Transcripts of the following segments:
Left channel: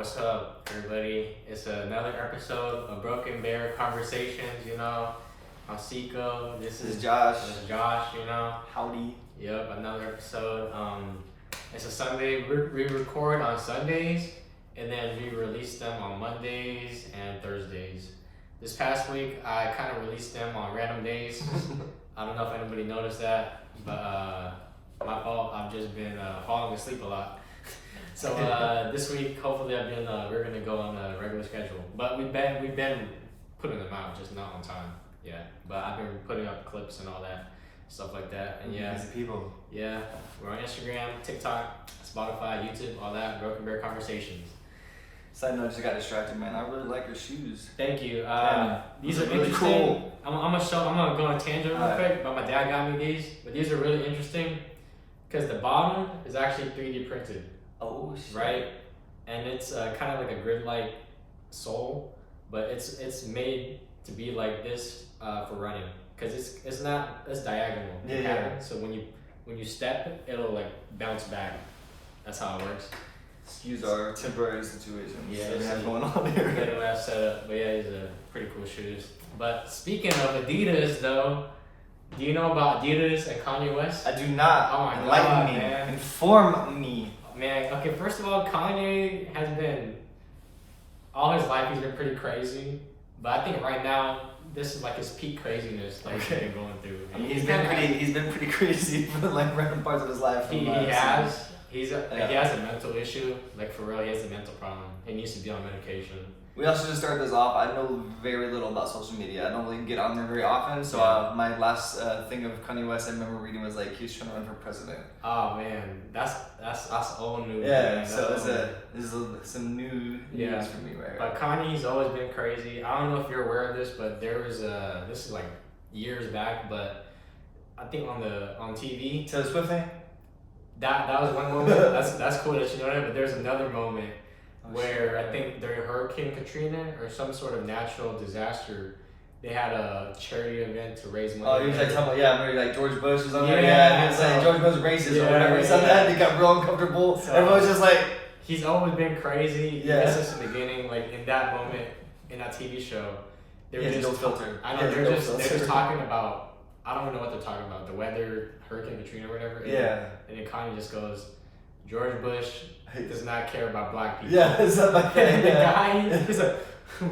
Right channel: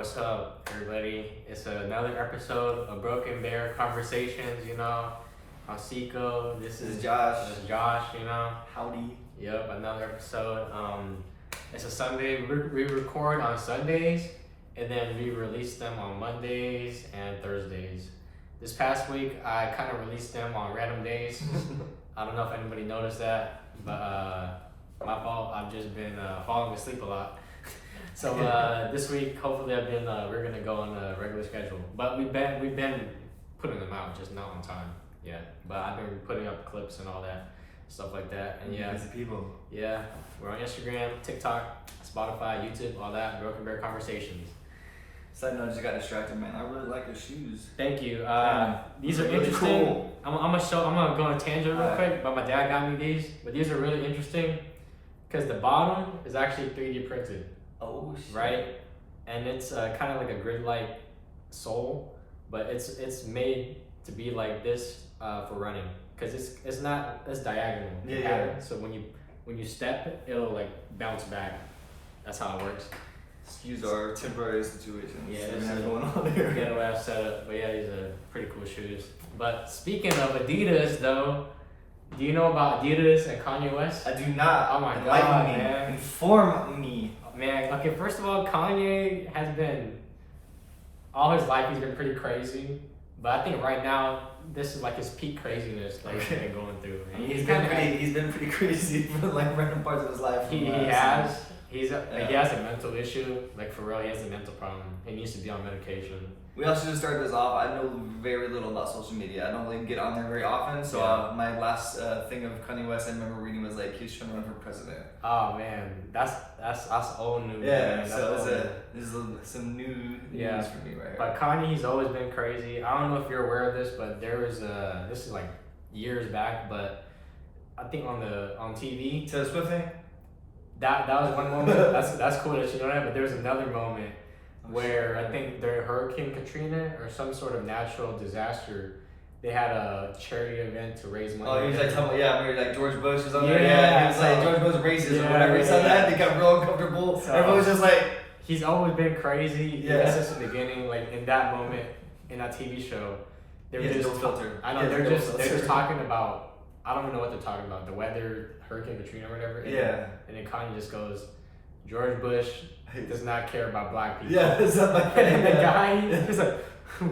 what's up, everybody? It's another episode of Broken Bear Conversations, I'm Seiko. This is Josh. This is Josh, Howdy. Yep, another episode. It's a Sunday. We record on Sundays, and then we release them on Mondays and Thursdays. This past week, I kind of released them on random days. I don't know if anybody noticed that, but my fault. I've just been falling asleep a lot. So this week, hopefully, we're gonna go on a regular schedule. But we've been putting them out, just not on time. Yeah, but I've been putting up clips and all that stuff like that. And yeah, busy people. Yeah, we're on Instagram, TikTok, Spotify, YouTube, all that. Broken Bear Conversations. Side note, I just got distracted, man. I really like your shoes. Thank you. These are really interesting. cool. I'm gonna go on a tangent real quick, but my dad got me these. But these are really interesting because the bottom is actually 3D printed. Oh shit. Right, and it's kind of like a grid-like sole, but it's made to be like this for running because it's diagonal pattern. So when you step, it'll like bounce back. That's how it works. Excuse our temporary situation. Yeah, we have going on here. Ghetto ass setup, but yeah, these are pretty cool shoes. But speaking of Adidas, though, do you know about Adidas and Kanye West? I do not. Oh my Enlighten God, me. man. Inform me. Man, okay, first of all, Kanye has been, all his life he's been pretty crazy, but I think right now, this is like his peak craziness he's been going through. I mean, he's been pretty crazy for like random parts of his life. He has a mental issue, like for real, he has a mental problem. He needs to be on medication. We also just start this off. I know very little about social media. I don't really get on there very often. So my last thing of Kanye West I remember reading was like he was trying to run for president. Oh man, that's old news. Yeah, man. so this is some new news for me right here. But Kanye, he's always been crazy. I don't know if you're aware of this, but there was this is like years back, but I think on TV. Taylor Swift thing? That was one moment. that's cool that you know that. But there's another moment where I think during Hurricane Katrina or some sort of natural disaster, they had a charity event to raise money. Oh, he was like talking about maybe like George Bush was on there. Yeah, he was like George Bush racist or whatever. He said that they got real uncomfortable. So, everyone's just like, he's always been crazy. Yeah, since the beginning. Like in that moment in that TV show, they were just filter. I know they're just talking about. I don't even know what they're talking about. The weather, Hurricane Katrina or whatever. And then Kanye just goes, George Bush does not care about black people. Yeah, something like that. And the guy just like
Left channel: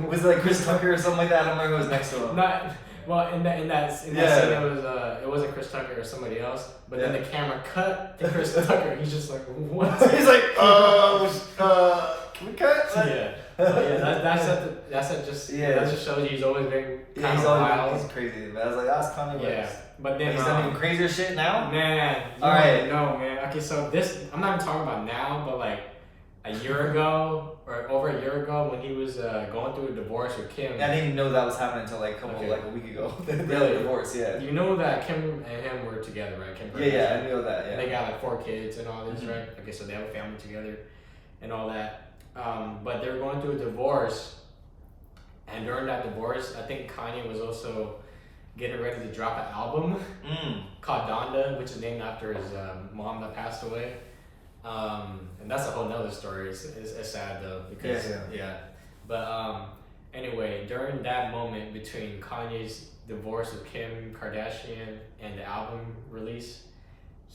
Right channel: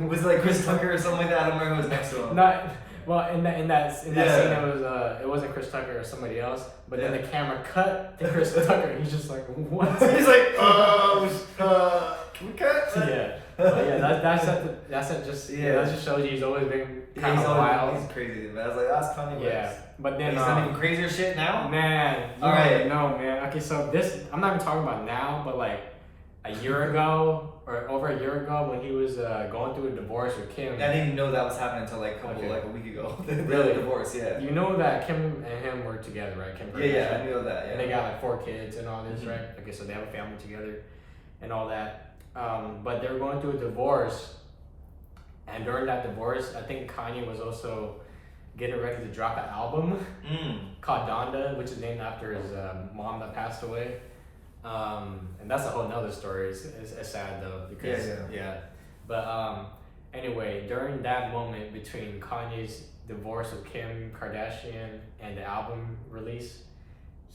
was it like Chris Tucker or something like that? I don't remember who was next to him. In that scene it wasn't Chris Tucker or somebody else. But then the camera cut to Chris Tucker. He's just like, what? He's like, can we cut? Yeah. That just shows you he's always been kind of wild. He's crazy, man. I was like, that's Kanye West. Yeah, but then he's done even crazier shit now. Man, all right, no, man. Okay, so this I'm not even talking about now, but like a year ago or over a year ago when he was going through a divorce with Kim. I didn't even know that was happening until like a week ago. Really, divorce, yeah. You know that Kim and him were together, right? Kim Kardashian. Yeah, I knew that. Yeah. And they got like 4 kids and all this, right? Okay, so they have a family together, and all that. But they were going through a divorce, and during that divorce, I think Kanye was also getting ready to drop an album called Donda, which is named after his mom that passed away. And that's a whole nother story. It's sad though because But anyway, during that moment between Kanye's divorce with Kim Kardashian and the album release,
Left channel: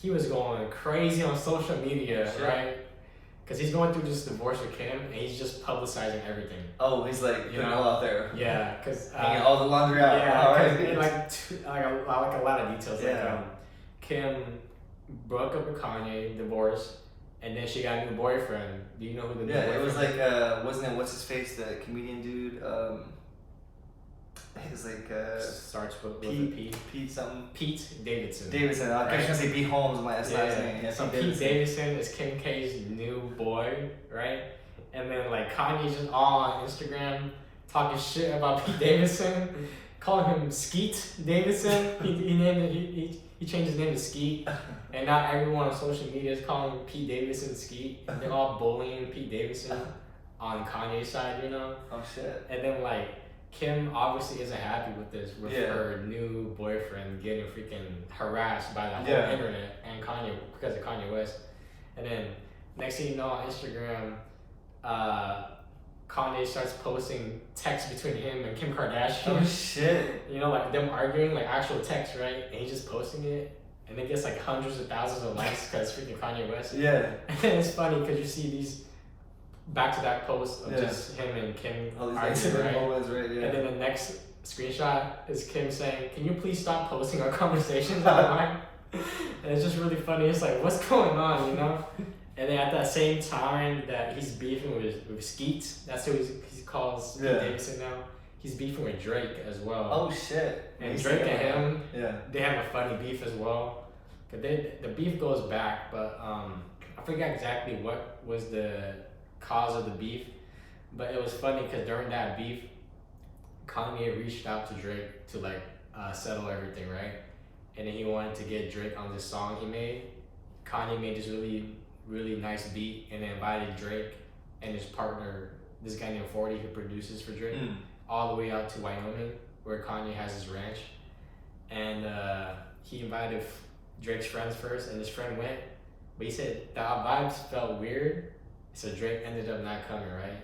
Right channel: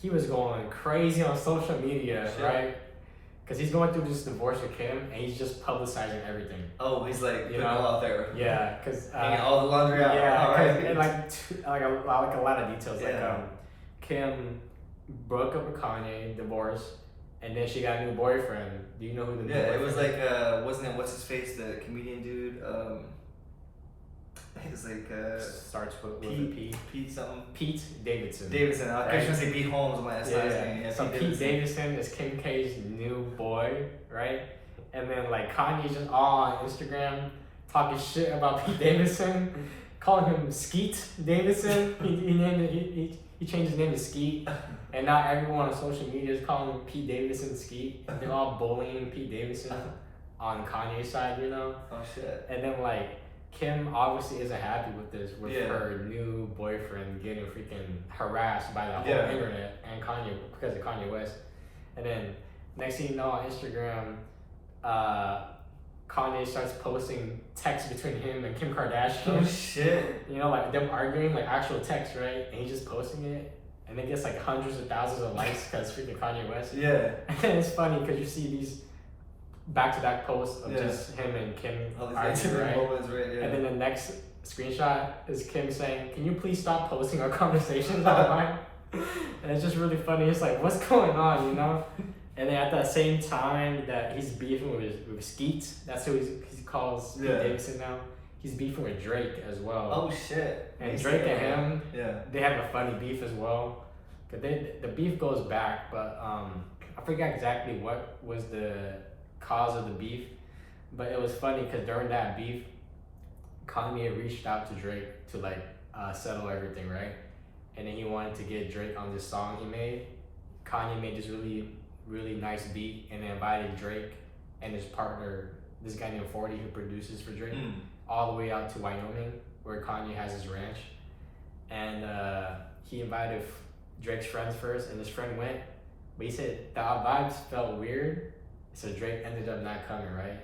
he was going crazy on social media, right? Because he's going through this divorce with Kim, and he's just publicizing everything. Oh, he's like putting it all out there. Yeah, because hanging all the laundry out. Yeah, and like a lot of details. Like Kim broke up with Kanye, divorced, and then she got a new boyfriend. Do you know who the new boyfriend? Yeah, it was like wasn't it what's his face, the comedian dude? It was like starts with Pete something. Pete Davidson. I was gonna say Pete Holmes, my last name. Yeah, so Pete Davidson is Kim K's new boy, right? And then like Kanye's just all on Instagram talking shit about Pete Davidson, calling him Skeet Davidson. He changed his name to Skeet, and now everyone on social media is calling Pete Davidson Skeet. They're all bullying Pete Davidson on Kanye's side, Oh shit. And then like Kim obviously isn't happy with this, with her new boyfriend getting freaking harassed by the whole internet and Kanye because of Kanye West. And then next thing you know on Instagram, Kanye starts posting texts between him and Kim Kardashian. Oh shit. You know, like them arguing, like actual text, right? And he's just posting it, and it gets like hundreds of thousands of likes because freaking Kanye West. Yeah. And it's funny because you see these back-to-back posts of just him and Kim All these arguing, right? moments, right? Yeah. And then the next screenshot is Kim saying, "Can you please stop posting our conversations online?" And it's just really funny. It's like, what's going on, you know? And then at that same time that he's beefing with Skeet, that's who he calls Pete Davidson now. He's beefing with Drake as well. Oh shit! And Drake and him, yeah, they have a funny beef as well. But the beef goes back, but I forget exactly what was the cause of the beef. But it was funny because during that beef, Kanye reached out to Drake to like settle everything, right? And then he wanted to get Drake on this song he made. Kanye made this really nice beat and then invited Drake and his partner, this guy named 40 who produces for Drake, all the way out to Wyoming where Kanye has his ranch. And he invited Drake's friends first, and his friend went, but he said the vibes felt weird, so Drake ended up not coming, right?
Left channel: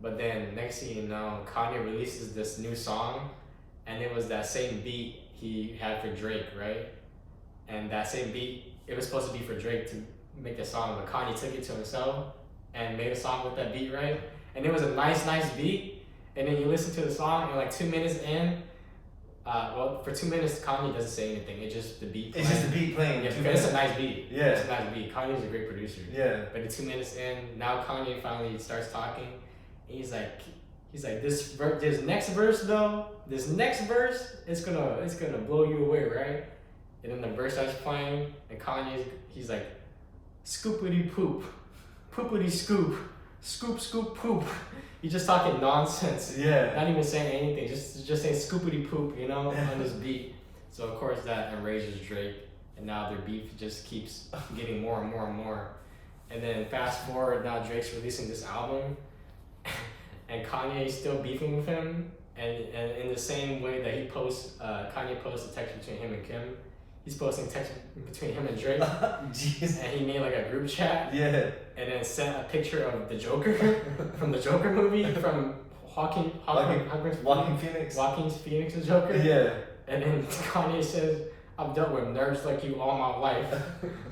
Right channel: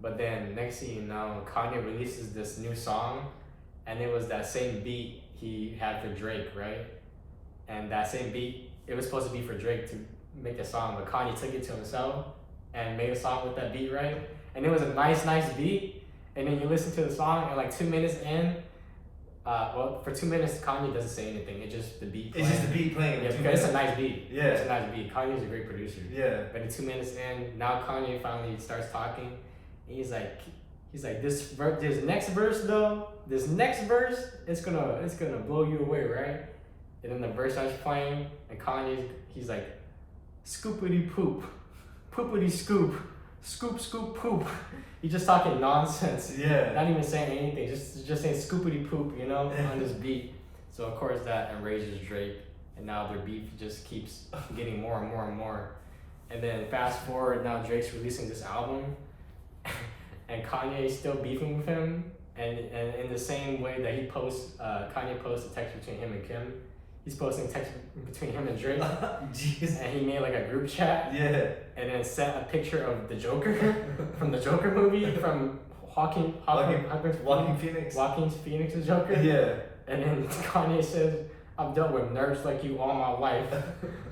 But then next thing you know, Kanye releases this new song, and it was that same beat he had for Drake, right? And that same beat, it was supposed to be for Drake to make the song, but Kanye took it to himself and made a song with that beat, right? And it was a nice beat. And then you listen to the song, and like 2 minutes in, well, for 2 minutes, Kanye doesn't say anything. It's just the beat playing. It's just the beat playing. Yeah, because it's a nice beat. Yeah. It's a nice beat. Kanye's a great producer. Yeah. But in 2 minutes in, now Kanye finally starts talking. And he's like, this next verse though, it's gonna blow you away, right? And then the verse starts playing, and he's like, scoopity poop, poopity scoop, scoop scoop poop. He's just talking nonsense. Yeah. Not even saying anything. Just saying scoopity poop, you know, on this beat. So of course that enrages Drake, and now their beef just keeps getting more and more and more. And then fast forward, now Drake's releasing this album, and Kanye's still beefing with him. And in the same way that Kanye posts a text between him and Kim, he's posting text between him and Drake. Jeez. And he made like a group chat. Yeah. And then sent a picture of the Joker from the Joker movie from Joaquin Phoenix's Joker. Yeah. And then Kanye says, "I've dealt with nerds like you all my life."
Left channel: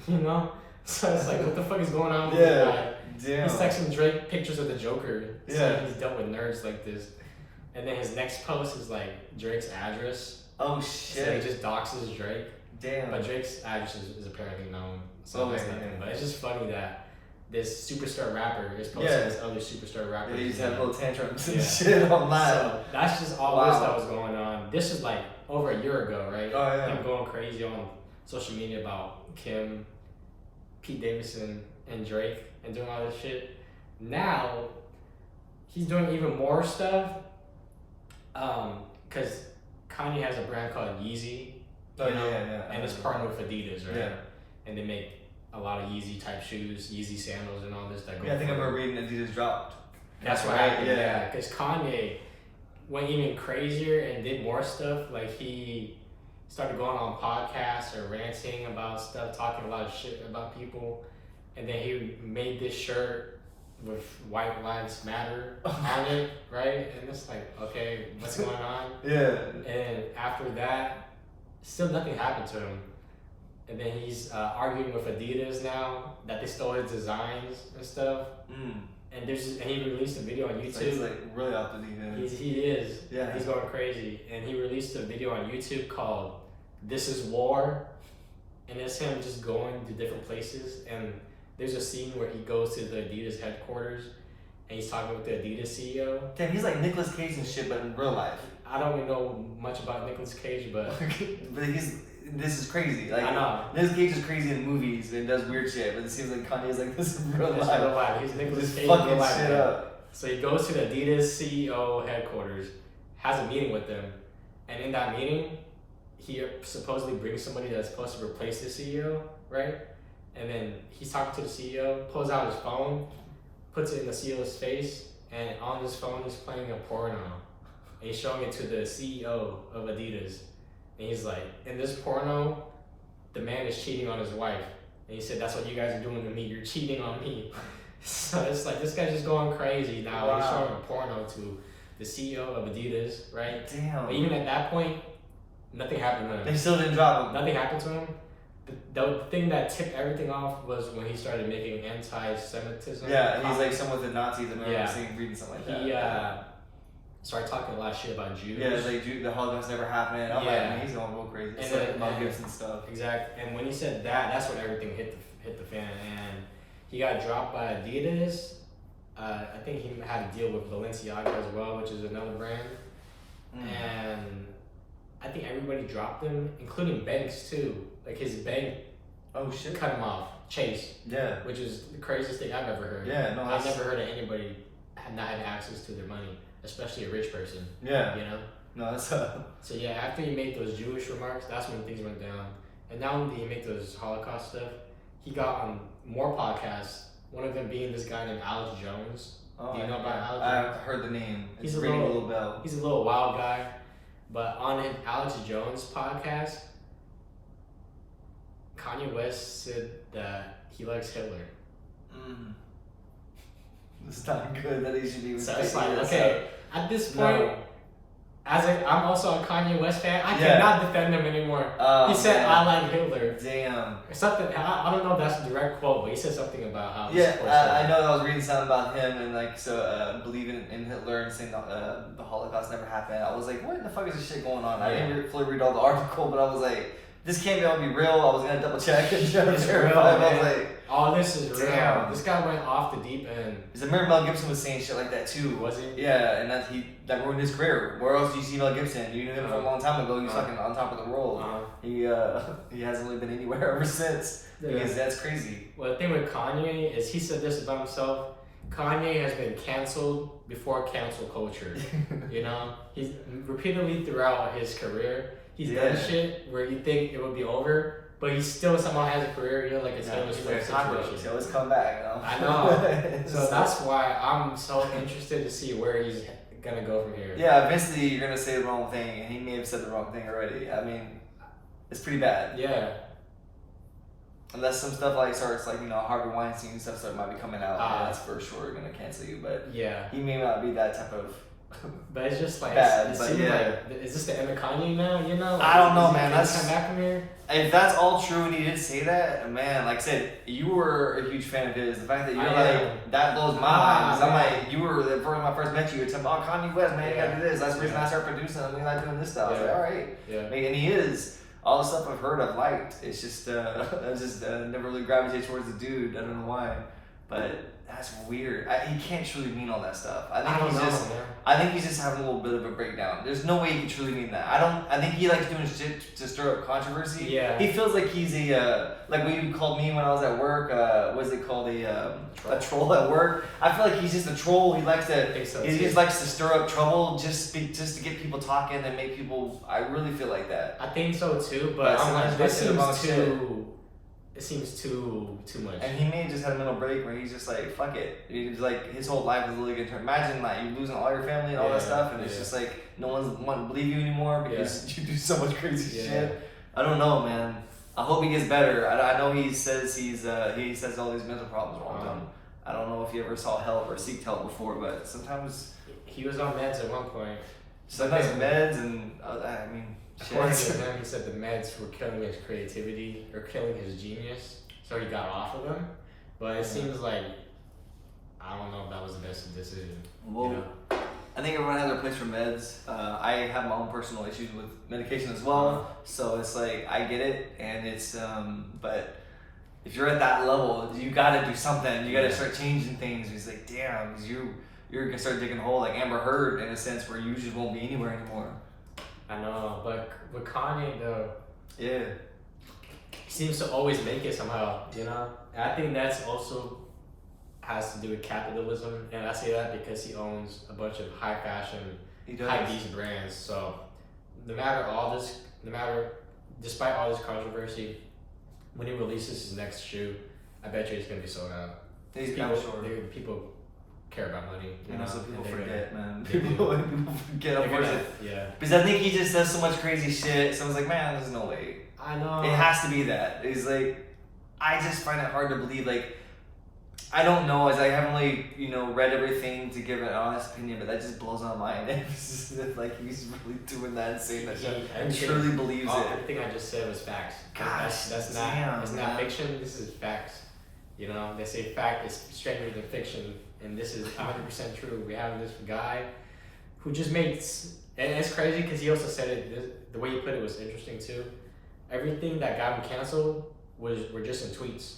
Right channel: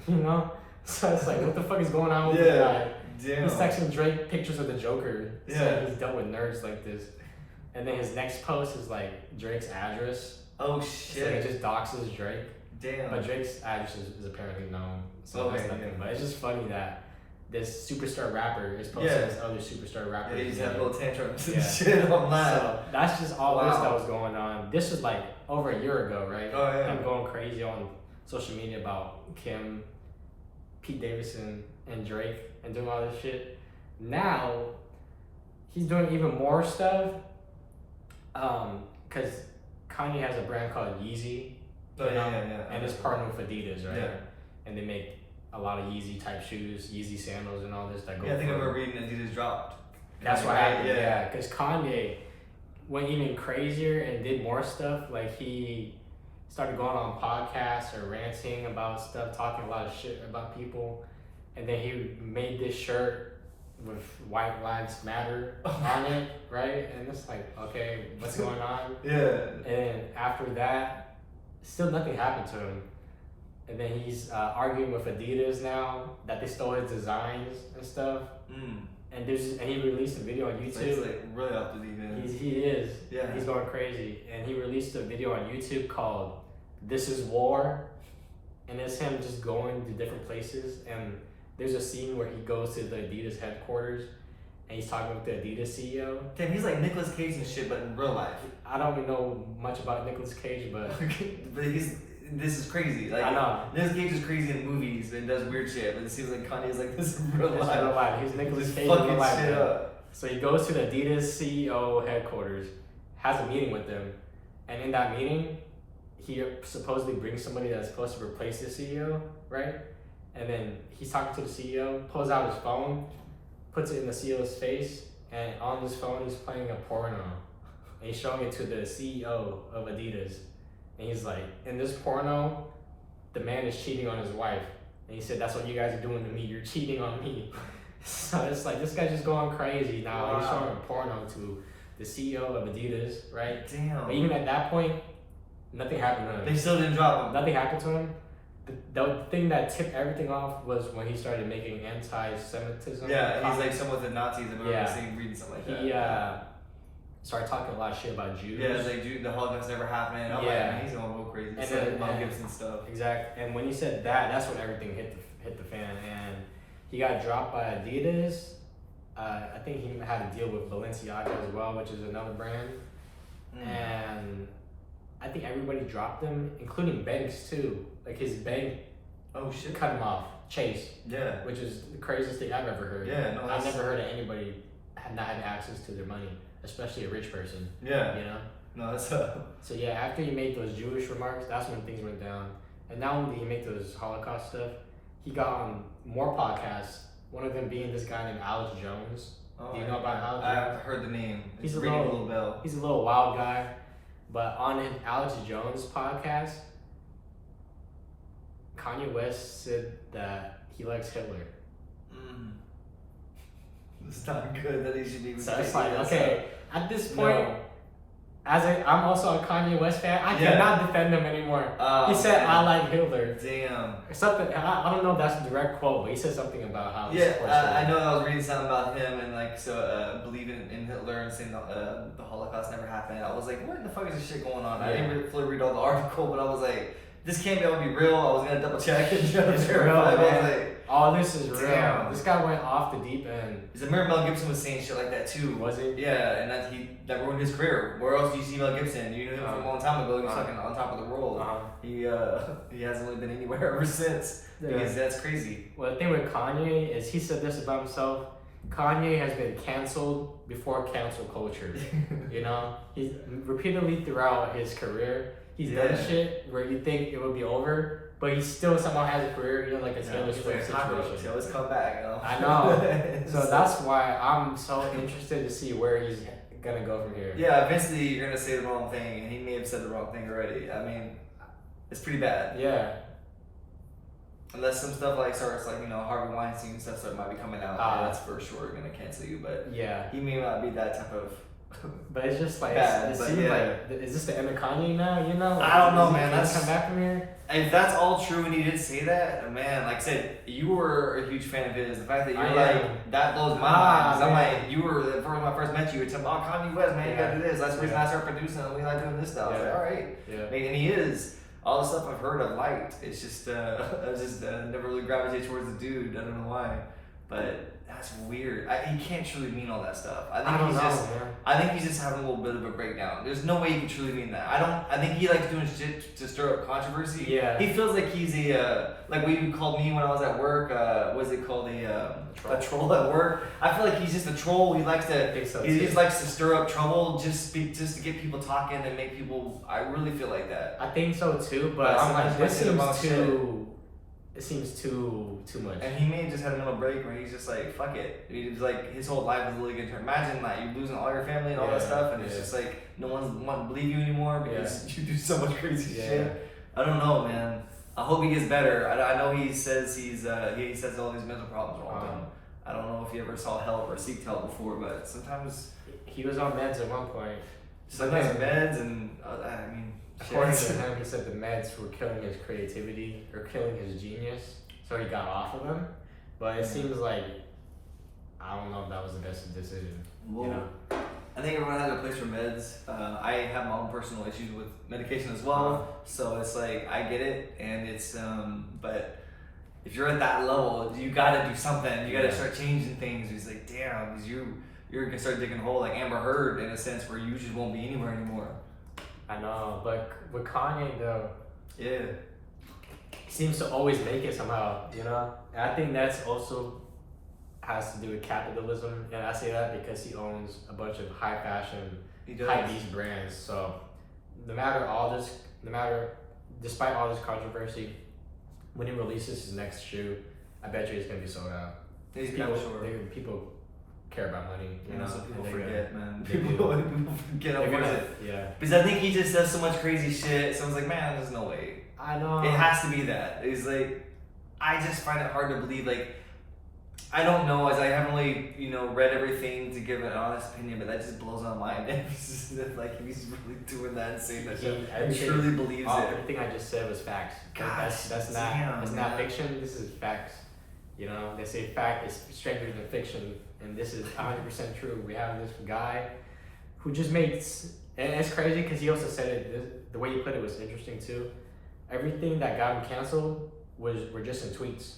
You know? So it's like, what the fuck is going on with this guy? Damn. He's texting Drake pictures of the Joker, Yeah. saying he's dealt with nerds like this. And then his next post is like Drake's address. Oh So shit. he just doxes Drake. Damn. But Drake's address is apparently known. So that's nothing. But it's just funny that this superstar rapper is posting this other superstar rapper. Yeah, you just have little tantrums and Yeah. shit online. So that's just all this that was going on. This is like over a year ago, right? Oh yeah. I'm going crazy on social media about Kim, Pete Davidson, and Drake and doing all this shit. Now he's doing even more stuff. Because Kanye has a brand called Yeezy. And it's partnered with Adidas, right? Yeah. And they make a lot of Yeezy type shoes, Yeezy sandals, and all this that go. Yeah, I think I remember reading Adidas dropped. That's what happened. Yeah, because Kanye went even crazier and did more stuff. Like he started going on podcasts or ranting about stuff, talking a lot of shit about people, and then he made this shirt with White Lives Matter on it, right? And it's like, okay, what's going on? Yeah. And after that, still nothing happened to him. And then he's arguing with Adidas now that they stole his designs and stuff. And he released a video on YouTube. So he's like really off the deep end. He is. Yeah. He's going crazy. And he released a video on YouTube called "This Is War," and it's him just going to different places. And there's a scene where he goes to the Adidas headquarters and he's talking with the Adidas CEO. Damn, he's like Nicolas Cage and shit, but in real life. I don't even know much about Nicolas Cage, but this is crazy. Like, I know. Nicolas Cage is crazy in movies and does weird shit, but it seems like Kanye's like this in real life. Real life. He's Nicolas Cage in fucking real life. shit up. So he goes to the Adidas CEO headquarters, has a meeting with them, and in that meeting, he supposedly brings somebody that's supposed to replace the CEO, right? And then he's talking to the CEO, pulls out his phone, puts it in the CEO's face, and on his phone he's playing a porno. And he's showing it to the CEO of Adidas. And he's like, in this porno, the man is cheating on his wife. And he said, that's what you guys are doing to me. You're cheating on me. So it's like this guy's just going crazy now. Wow. He's showing a porno to the CEO of Adidas, right? Damn. But even at that point, nothing happened to him. They still didn't drop him. Nothing happened to him. The thing that tipped everything off was when he started making anti-Semitism. Yeah, and he's comments. like someone with the Nazis. I remember Yeah. reading something like that. He started talking a lot of shit about Jews. Yeah, it's like the Holocaust never happened. I'm like, Yeah. man, he's going real crazy. And It's then- like Mel and- Gibson stuff. Exactly. And when he said that, that's when everything hit the fan. And he got dropped by Adidas. I think he had a deal with Balenciaga as well, which is another brand. And I think everybody dropped him, including banks too. Like his bank Oh shit. cut him off, Chase, Yeah. which is the craziest thing I've ever heard. Yeah, no, I've that's- never heard of anybody not having access to their money, especially a rich person. Yeah. You know. No, that's So yeah, after he made those Jewish remarks, that's when things went down. And not only did he make those Holocaust stuff, he got on more podcasts. One of them being this guy named Alex Jones. Oh, Do you know about Alex I've Jones? heard the name. He's It's a ringing little- bell. He's a little wild guy, but on his Alex Jones podcast, Kanye West said that he likes Hitler. It's not good that he should be. So it's like, taking this okay, at this point, No. I'm also a Kanye West fan. I Yeah. cannot defend him anymore. He said, man. "I like Hitler." Damn. Or something. I don't know if that's a direct quote, but he said something about how. he Yeah, supports I Hitler. know. I was reading something about him and like believing in Hitler and saying the Holocaust never happened. I was like, what the fuck is this shit going on? I Yeah. didn't fully read all the article, but I was like, this can't be able to be real. I was gonna double check and try to It's verify. real, But I was man. like, All this is real. Damn. This guy went off the deep end. because I remember Mel Gibson was saying shit like that too. Was he? Yeah, and that ruined his career. Where else do you see Mel Gibson? You knew him from a long time ago. He was Uh-huh. fucking on top of the world. Uh-huh. He hasn't really been anywhere ever since. Yeah. Because that's crazy. Well, the thing with Kanye is he said this about himself. Kanye has been canceled before cancel culture. You know, he's repeatedly throughout his career, he's done Yeah. shit where you think it would be over, but he still somehow has a career. You know, like a Yeah, Taylor he's Swift like cockroach. He situation. always come back. You know? I know. So that's why I'm so interested to see where he's gonna go from here. Yeah, eventually you're gonna say the wrong thing, and he may have said the wrong thing already. I mean, it's pretty bad. Yeah. Unless some stuff like starts like Harvey Weinstein and stuff that might be coming out, Ah. that's for sure gonna cancel you. But Yeah. he may not be that type of. But it's just like Bad, it but seems yeah. like is this the end of Kanye now? You know? I don't know, Is he man. gonna That's- come back from here. If that's all true and he did say that, man, like I said, you were a huge fan of his. The fact that you're I like, am. that blows my Ah, mind. 'Cause I'm man. like, you were, when I first met you, you were telling me, oh, Kanye West, man, you Yeah. gotta do this. That's the reason Yeah. I started producing him. We like doing this stuff. I was Yeah. like, all right. Yeah. Like, and he is. All the stuff I've heard, I've liked. It's just, I just never really gravitate towards the dude. I don't know why. But that's weird. He can't truly mean all that stuff. I think I don't he's know, just. man. I think he's just having a little bit of a breakdown. There's no way he can truly mean that. I think he likes doing shit to stir up controversy. Yeah. He feels like he's a like what you called me when I was at work. What is it called? A troll at work. I feel like he's just a troll. He likes to. I think so, He too. just likes to stir up trouble, just to get people talking and make people. I really feel like that. I think so too, But but I'm like, sometimes this you might say the wrong seems too. It seems too much. And he may have just had a mental break where he's just like, fuck it. He's like, his whole life is really good. Imagine like you losing all your family and all that Yeah, stuff, and it's yeah. just like no one's wanting to believe you anymore because you do so much crazy Yeah. shit. I don't know, man. I hope he gets better. I know he says he says all these mental problems wrong. with him. I don't know if he ever saw help or seeked help before, but sometimes He was on meds at one point. sometimes Okay. meds and I mean. According shit. to him, he said the meds were killing his creativity or killing his genius, so he got off of them. But it seems like I don't know if that was the best decision. Well, You know? I think everyone has their place for meds. I have my own personal issues with medication as well, so it's like I get it, and it's but if you're at that level, you got to do something. You got to Yeah. start changing things. It's like damn, 'cause you're gonna start digging a hole like Amber Heard in a sense where you just won't be anywhere anymore. I know, but with Kanye though, Yeah. he seems to always make it somehow. You know, and I think that's also has to do with capitalism, and I say that because he owns a bunch of high fashion, He does. high beast brands. So despite all this controversy, when he releases his next shoe, I bet you it's gonna be sold out. He's People, I'm sure. people care about money, you know. So people and they're forget, gonna- man. they do. People forget They're unfortunately. gonna, yeah. Because I think he just says so much crazy shit. Someone's like, man, there's no way. I know. It has to be that. It's like, I just find it hard to believe. Like, I don't know, as I haven't really, read everything to give an honest opinion, but that just blows my mind. It's just like he's really doing that and saying that shit. He truly believes it. Everything I just said was facts. Gosh, that's not. It's not fiction. This is facts. They say fact is stranger than fiction, and this is 100% true. We have this guy who just makes, and it's crazy because he also said it. The way you put it was interesting too. Everything that got him canceled were just in tweets.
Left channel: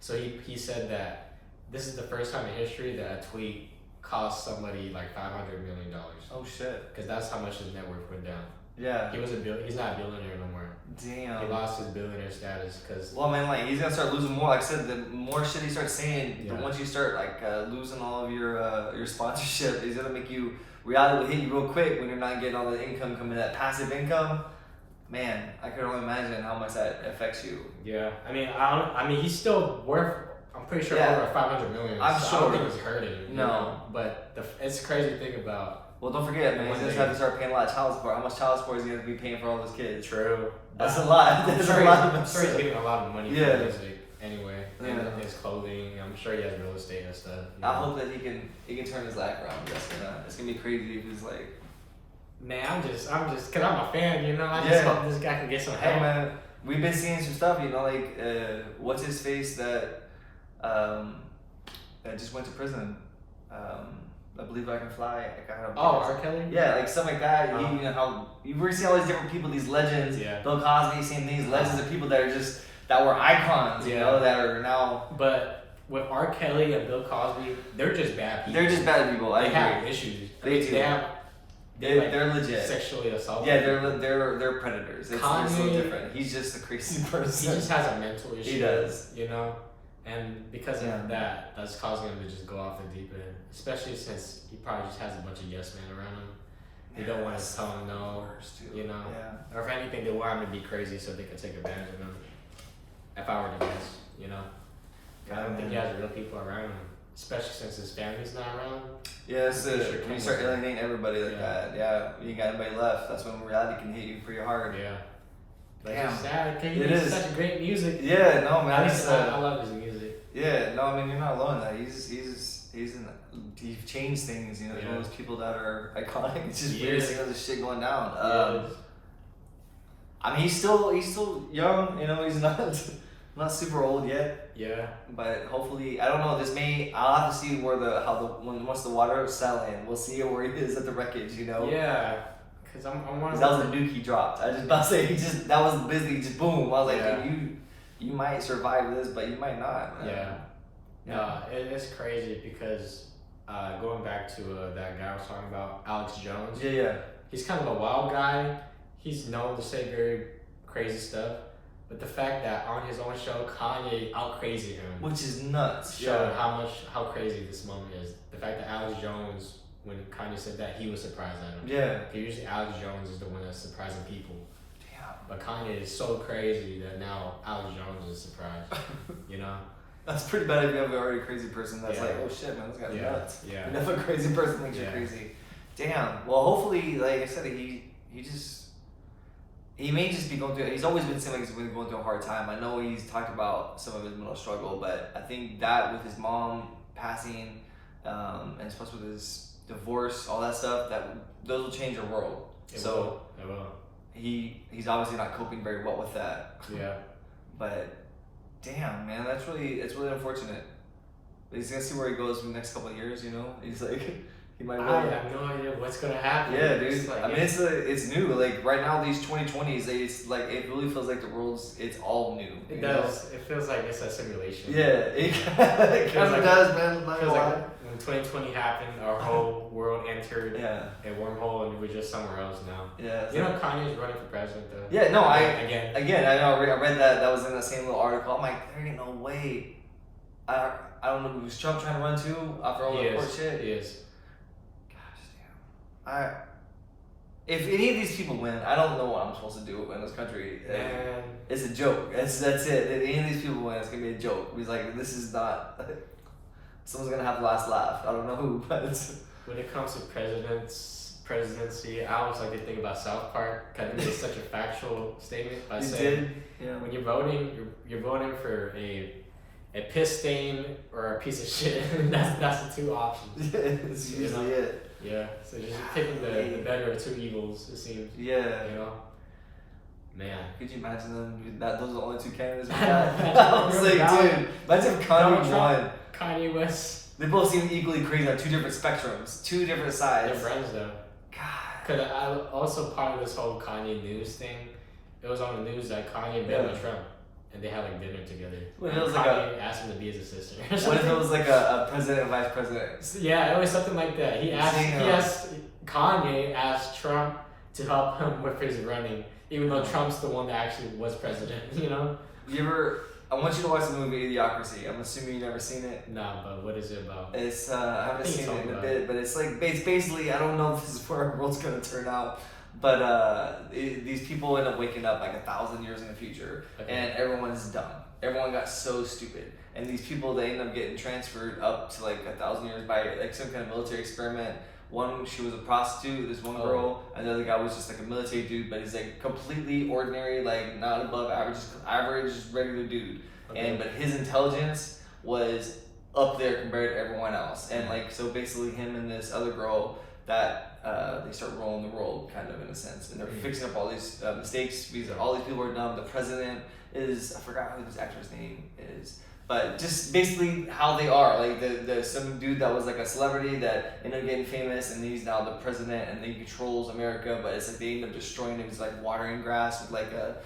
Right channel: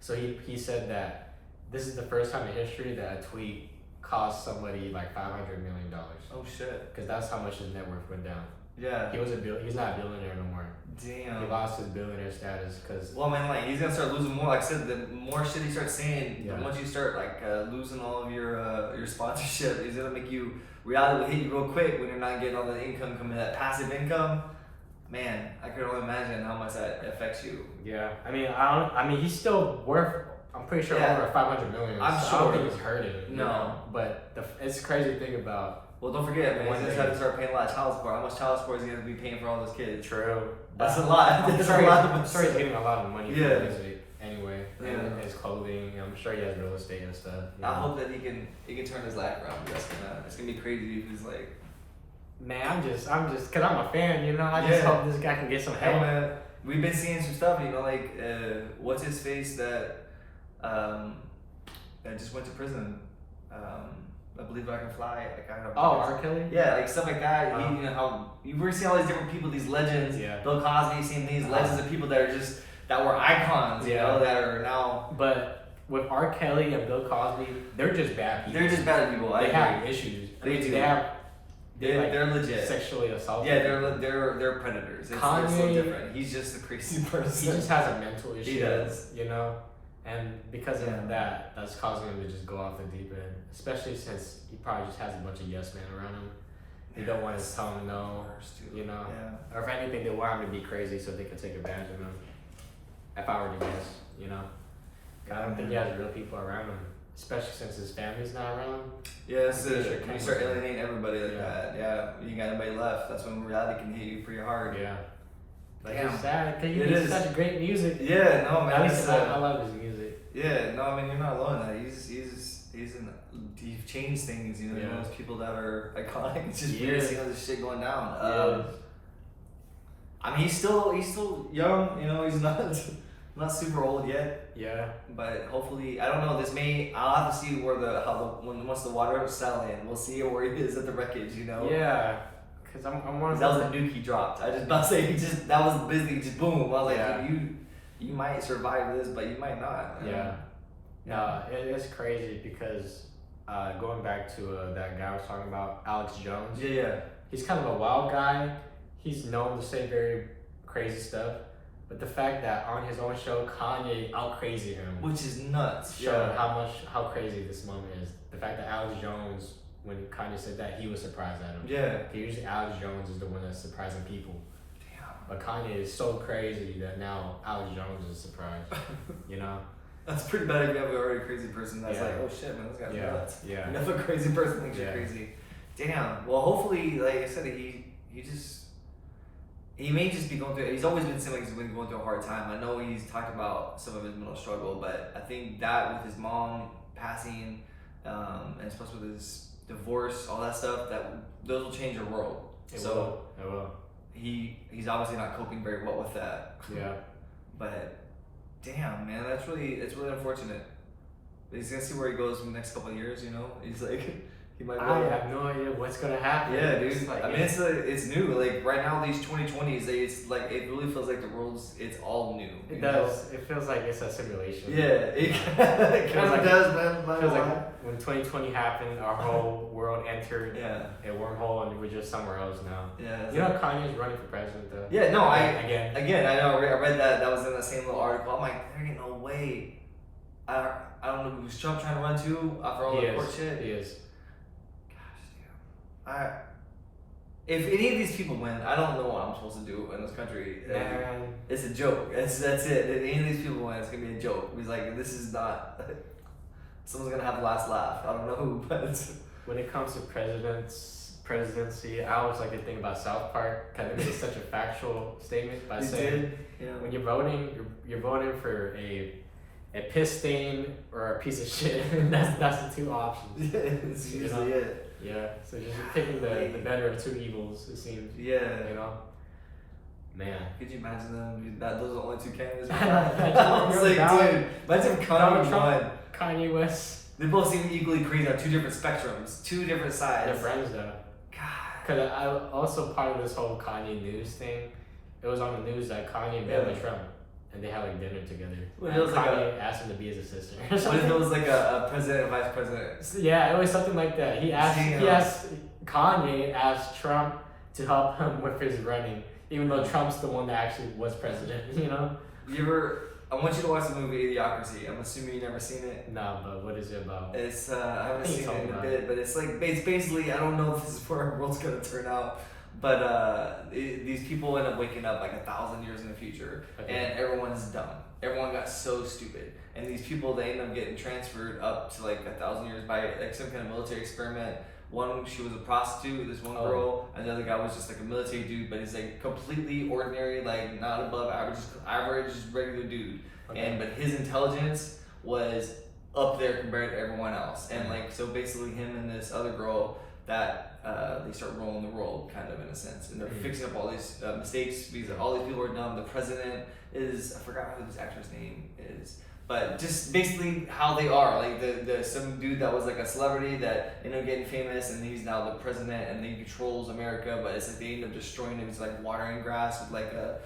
So he said that this is the first time in history that a tweet cost somebody like $500 million. Oh shit! Because that's how much his net worth went down. Yeah. He's not a billionaire no more. Damn. He lost his billionaire status because. Well, man, like he's gonna start losing more. Like I said, the more shit he starts saying, Yeah. the once you start like losing all of your sponsorship, he's gonna make you reality will hit you real quick when you're not getting all the income coming, that passive income. Man, I could only imagine how much that affects you. Yeah, I mean, he's still worth. I'm pretty sure over 500 million. I'm so sure. I don't think he's hurting it. No. But it's crazy thing about. Well, don't forget, man, he's gonna have to start paying a lot of child support. How much child support is he gonna be paying for all those kids? True. That's a lot. I'm sure he's getting a lot of money from music anyway, and his clothing. I'm sure he has real estate and stuff. I hope that he can turn his life around. It's gonna be crazy if he's like. Man, I'm just, cause I'm a fan, I just hope this guy can get some help. Hey, man, we've been seeing some stuff, like, what's his face that just went to prison. I Believe I Can Fly. R. Kelly? Yeah, like stuff like that. How you really see all these different people, these legends. Yeah. Bill Cosby, same thing. These legends of people that are that were icons, that are now. But with R. Kelly and Bill Cosby, they're just bad people. They're just bad people. They have issues. They're legit. Sexually assaulted. Yeah, they're predators. They're so different. He's just a crazy person. He just has a mental issue. He does. And because of that, that's causing him to just go off the deep end. Especially since he probably just has a bunch of yes men around him. They don't want to tell him no. Or if anything, they want him to be crazy so they can take advantage of him. If I were to guess, I don't think he has real people around him. Especially since his family's not around. Yeah, when you start alienating everybody like that, you ain't got anybody left. That's when reality can hit you pretty hard. Yeah. Like Damn. It's sad because he makes such great music. Yeah, no man. At least I love his music. Yeah, no, I mean you're not alone in that. He changed things. He's one of those people that are iconic. It's just weird seeing all this shit going down. I mean he's still young. He's not super old yet. Yeah. But hopefully, I don't know. I'll have to see once the water is settling, we'll see where he is at the wreckage. Yeah. Because I'm wondering. That was a nuke he dropped. I just about to say that was busy. Just boom. I was like, you might survive this, but you might not. Man. Yeah. It's crazy because going back to that guy I was talking about, Alex Jones. Yeah. He's kind of a wild guy. He's known to say very crazy stuff. But the fact that on his own show, Kanye out-crazy him. Which is nuts. Showed how crazy this moment is. The fact that Alex Jones, when Kanye said that, he was surprised at him. Yeah. Usually Alex Jones is the one that's surprising people. Damn. But Kanye is so crazy that now Alex Jones is surprised. That's pretty bad if you have already a crazy person that's like, oh shit, man, this guy's nuts. Yeah. And if a crazy person thinks you're crazy. Damn. Well, hopefully, like I said, he may just be going through. He's always been seeming like he's been going through a hard time. I know he's talked about some of his mental struggle, but I think that with his mom passing, and especially with his divorce, all that stuff, those will change your world. It will. He's obviously not coping very well with that. Yeah. But damn, man, it's really unfortunate. But he's gonna see where he goes in the next couple of years. He's like. I have no idea what's gonna happen. Yeah, dude. It's new. Like right now, these 2020s, it's like it really feels like it's all new. It does. It feels like it's a simulation. Yeah, it kind of does, man. It feels like when 2020 happened, our whole world entered a wormhole, and we're just somewhere else now. Yeah. Kanye's running for president, though. Yeah. No, again. I know. I read that. That was in that same little article. I'm like, there ain't no way. I don't know. Was Trump trying to run too after all that court shit? He is. If any of these people win, I don't know what I'm supposed to do in this country. Man. It's a joke. That's it. If any of these people win, it's gonna be a joke. He's like, this is not. Someone's gonna have the last laugh. I don't know who, but when it comes to presidency, I always like to think about South Park. Kind of made such a factual statement by saying when you're voting, you're voting for a a piss stain or a piece of shit. That's the two options. It's usually it. Yeah. So just picking the better of two evils, it seems. Yeah. You know. Man. Could you imagine them? Those are the only two candidates we I got. know, I was like, dude, imagine if Kanye won. Kanye West. They both seem equally crazy on two different spectrums, two different sides. They're friends though. God. Cause I also part of this whole Kanye news thing. It was on the news that Kanye met with Trump, and they had like dinner together. What and it was Kanye like asked him to be his assistant. What if it was like a president and vice president? Yeah, it was something like that. He asked Kanye asked Trump to help him with his running, even though Trump's the one that actually was president. You know. I want you to watch the movie Idiocracy. I'm assuming you've never seen it. No, but what is it about? It's I haven't seen it in a bit, but it's like basically I don't know if this is where our world's gonna turn out, but these people end up waking up like 1,000 years in the future, and everyone's dumb. Everyone got so stupid, and these people they end up getting transferred up to like 1,000 years by like some kind of military experiment. One, she was a prostitute, this one girl, and the other guy was just like a military dude, but he's like completely ordinary, like not above average, regular dude. But his intelligence was up there compared to everyone else. And like, so basically him and this other girl that they start ruling the world kind of in a sense. And they're fixing up all these mistakes because all these people are dumb. The president is, I forgot who this actor's name is. But just basically how they are, like the some dude that was like a celebrity that ended up getting famous, and he's now the president, and he controls America. But it's like they end up destroying him. He's like watering grass with like a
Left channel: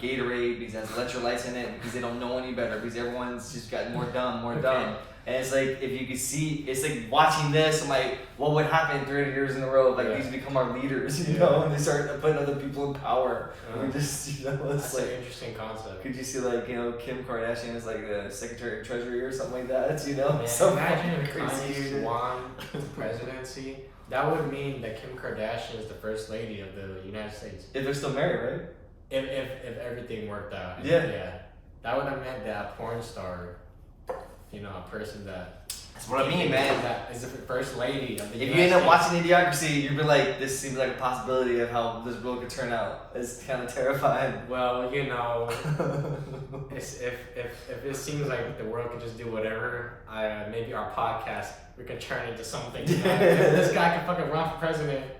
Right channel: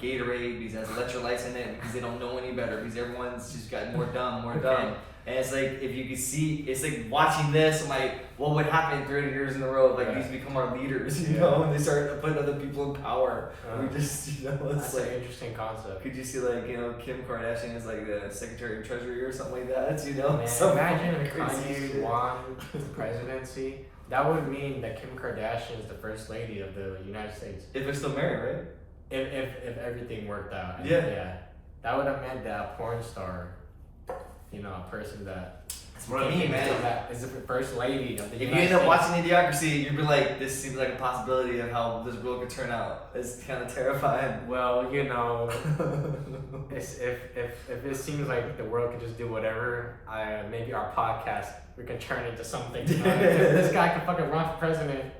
Gatorade because it has electrolytes in it because they don't know any better because everyone's just got more dumb. And it's like if you could see, it's like watching this. I'm like, what would happen 30 years in a row? Like these become our leaders, you know, and they start putting other people in power. We just, you know, it's That's like an interesting concept. Could you see like Kim Kardashian is like the Secretary of Treasury or something like that? You know, Man, imagine if Kanye won the presidency. That would mean that Kim Kardashian is the first lady of the United States. If they're still married, right? If everything worked out. Yeah. That would have meant that a porn star, you know, a person that. That's what I mean, man. That is the first lady of the United States. If you end up watching Idiocracy, you'd be like, this seems like a possibility of how this world could turn out. It's kind of terrifying. Well, you know, if it seems like the world can just do whatever, maybe our podcast we can turn into something. You know? If this guy can fucking run for president.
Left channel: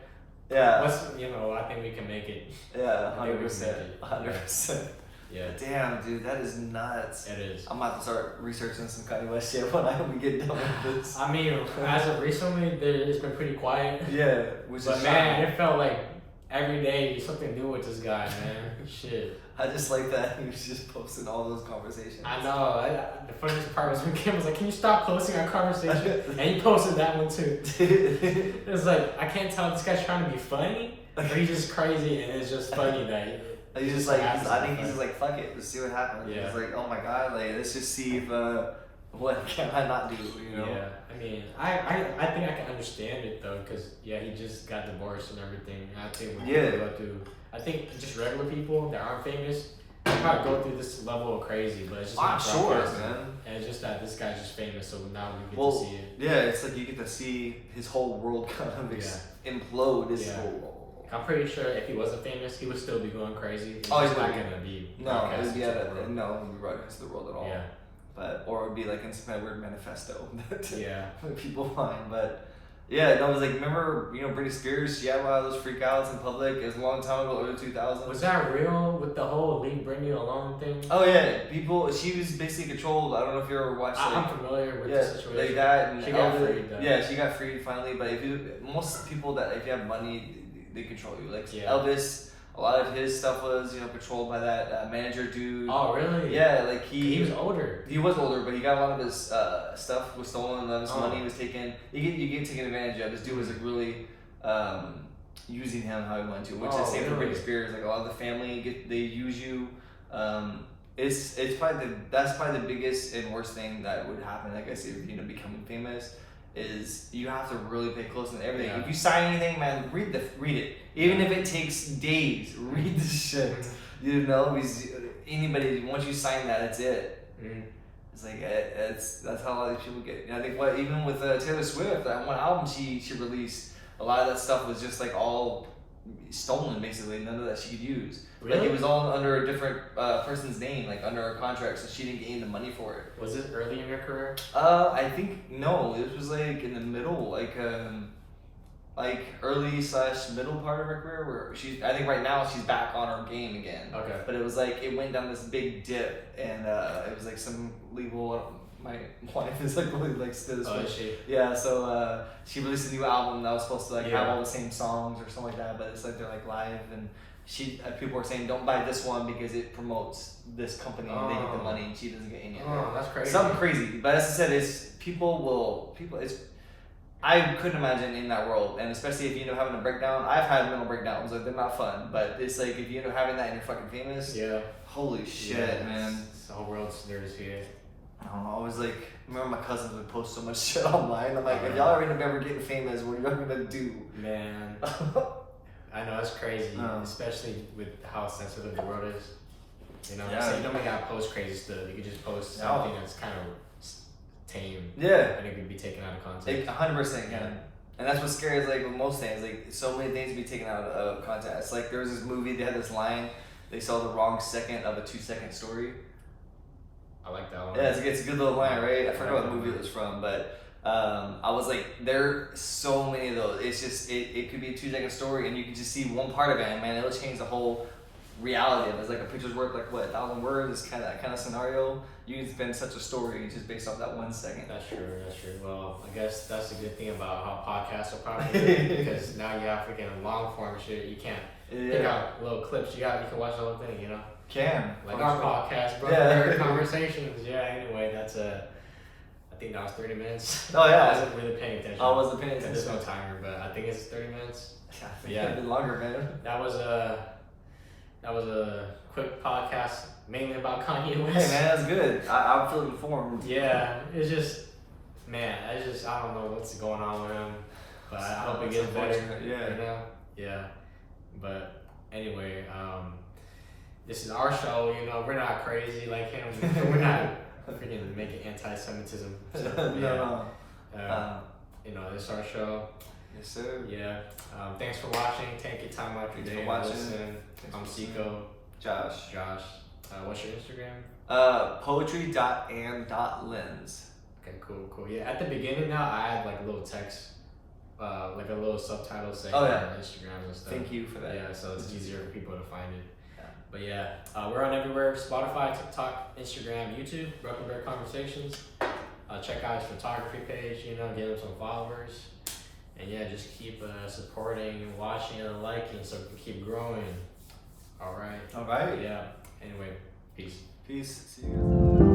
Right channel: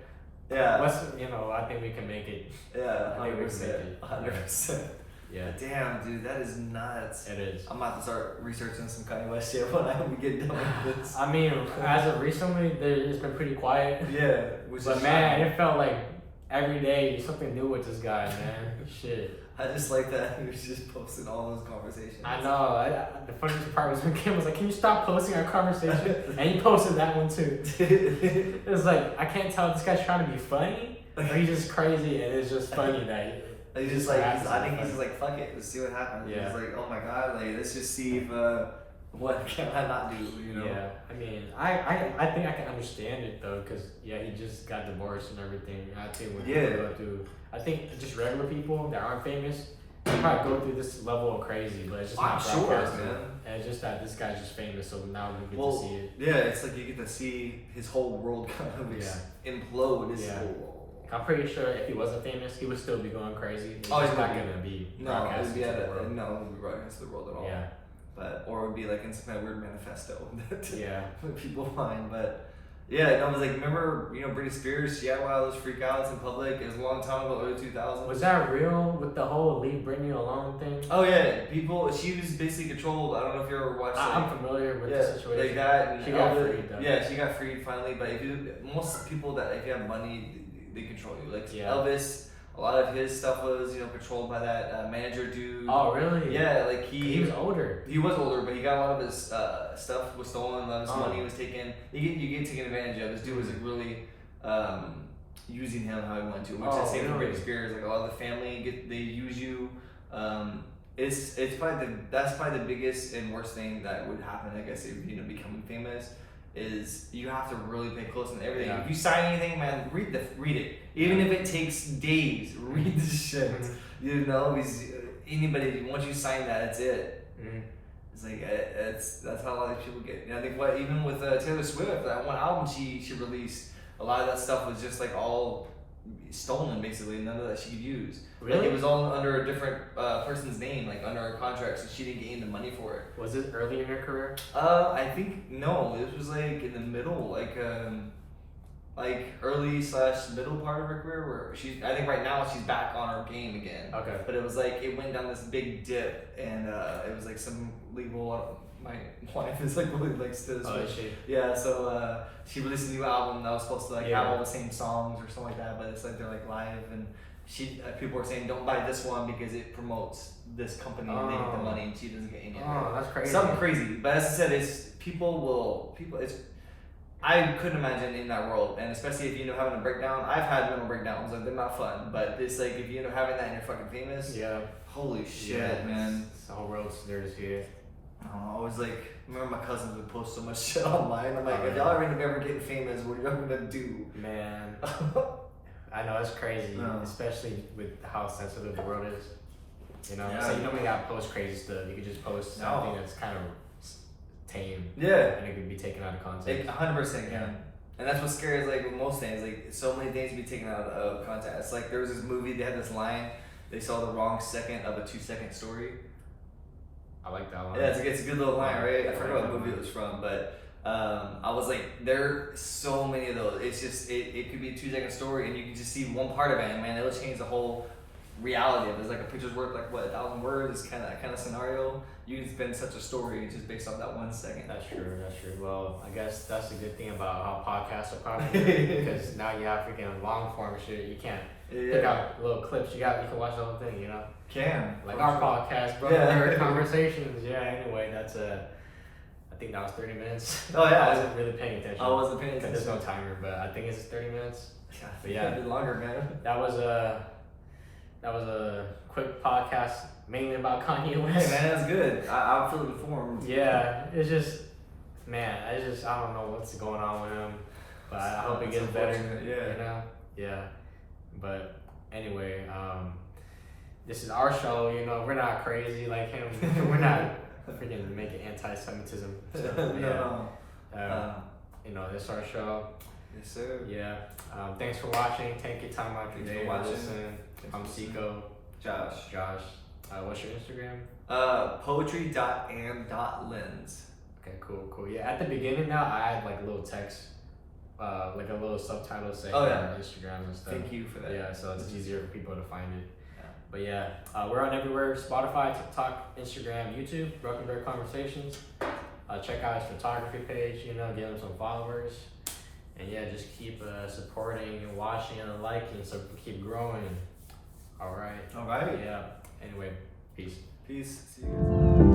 Yeah. I think we can make it. Yeah, 100%. 100%. Yeah. Damn, dude, that is nuts. It is. I'm about to start researching some Kanye West shit when we get done with this. I mean, as of recently, it's been pretty quiet. Yeah. But man, it felt like every day something new with this guy, man. Shit. I just like that he was just posting all those conversations. I know. The funniest part was when Kim was like, "Can you stop posting our conversation?" And he posted that one too. It was like, I can't tell if this guy's trying to be funny or he's just crazy and it's just funny that. He's just like, I think he's just like, fuck it, let's see what happens. Yeah. He's like, oh my god, like let's just see if what can I not do, you know? Yeah, I mean, I think I can understand it though, cause he just got divorced and everything. I think when people go through, I think just regular people that aren't famous, they probably go through this level of crazy, but it's just not broadcast, man. And it's just that this guy's just famous, so now we get to see it. Yeah, it's like you get to see his whole world kind of implode. His whole. I'm pretty sure if he wasn't famous, he would still be going crazy. He's not gonna be broadcast to the world. No, it wouldn't be broadcast to the world at all. Yeah. Or it would be like in some kind of weird manifesto that people find. But yeah, no, it was like, remember, Britney Spears, she had a lot of those freakouts in public. It was a long time ago, early 2000s. Was that real with the whole leave Britney alone thing? Oh yeah, she was basically controlled. I don't know if you ever watched. I'm familiar with the situation. Like that, and she got freed. Yeah, she got freed finally. But most people that if you have money, they control you. Like Elvis. A lot of his stuff was, controlled by that manager dude. Oh, really? Yeah, like he was older. He was older, but he got a lot of his stuff was stolen. A lot of his money was taken. You get taken advantage of. This dude was like really using him how he wanted to, which is same for Britney Spears. Like a lot of the family they use you. It's probably that's probably the biggest and worst thing that would happen. Like I said, becoming famous. Is you have to really pay close to everything. If you sign anything, man, read it. Even if it takes days, read the shit. Because anybody once you sign that, it's it. It's like that's how a lot of these people get. And I think even with Taylor Swift, that one album she released, a lot of that stuff was just like all stolen basically. None of that she could use. Really? Like it was all under a different person's name, like under a contract, so she didn't gain the money for it. Was this early in your career? I think no. This was like in the middle, like early / middle part of her career, where I think right now she's back on her game again. Okay. But it was like it went down this big dip, and it was like some legal. My wife is like really likes this. Oh, is she? Yeah, so she released a new album that was supposed to like Yeah. have all the same songs or something like that, but it's like they're like live, and people were saying don't buy this one because it promotes this company and they get the money and she doesn't get any of it. Oh, that's crazy. Something crazy, but as I said, I couldn't imagine in that world, and especially if you end up having a breakdown. I've had mental breakdowns, like they're not fun, but it's like if you end up having that and you're fucking famous. Yeah. Holy shit, Yeah, man. The whole world's there to see it. I don't know. I was like, I remember my cousins would post so much shit online. I'm like, Oh, if yeah. y'all ever get famous, what are y'all gonna do? Man, I know it's crazy, especially with how sensitive the world is. You know, Yeah. so you don't even gotta post crazy stuff. You could just post something that's kind of tame, Yeah. and it could be taken out of context. Like 100% can. And that's what's scary is like with most things, like so many things can be taken out of context. It's like there was this movie, they had this line, they saw the wrong second of a 2-second story. I like that one. Yeah, it's a good little line, right? I forgot what that movie one. it was from, but I was like, there are so many of those. It's just, it could be a 2-second story and you can just see one part of it, and man, it'll change the whole reality of it. It's like a picture's worth like what, 1,000 words, kind of scenario. You can spin such a story just based off that 1 second. That's true. Well, I guess that's the good thing about how podcasts are popular because now you have freaking long form shit. You can't pick out little clips. You can watch the whole thing. You know. Can Like our podcast, Brother Conversations. Yeah. Anyway, that's I think that was 30 minutes. Oh yeah. I wasn't really paying attention. I wasn't paying 'Cause attention. there's no timer, but I think it's 30 minutes. But Yeah, yeah, a bit longer, man. that was a quick podcast, mainly about Kanye Hey West. man, that's good. I feel informed. Yeah, it's just, man, I don't know what's going on with him, but I hope it It's gets better. unfortunate, yeah. You know? Yeah. But anyway, this is our show. You know, we're not crazy like him. We're not freaking making anti-Semitism. So, No. you know, this is our show. Yes, sir. Yeah. Thanks for watching. Take your time out your Thanks day for to watching. listen. Thanks I'm for Seiko. Josh. What's your Instagram? Poetry.and.lens. Okay, cool. Yeah, at the beginning now, I had like a little text, like a little subtitle saying Oh, yeah. Instagrams and stuff. Thank you for that. Yeah, so it's easier for people to find it. Yeah. But yeah, we're on everywhere: Spotify, TikTok, Instagram, YouTube. Broken Bear Conversations. Check out his photography page. You know, get him some followers, and yeah, just keep supporting and watching and liking, so we can keep growing. All right. All right. Yeah. Anyway, peace. Peace. See you guys.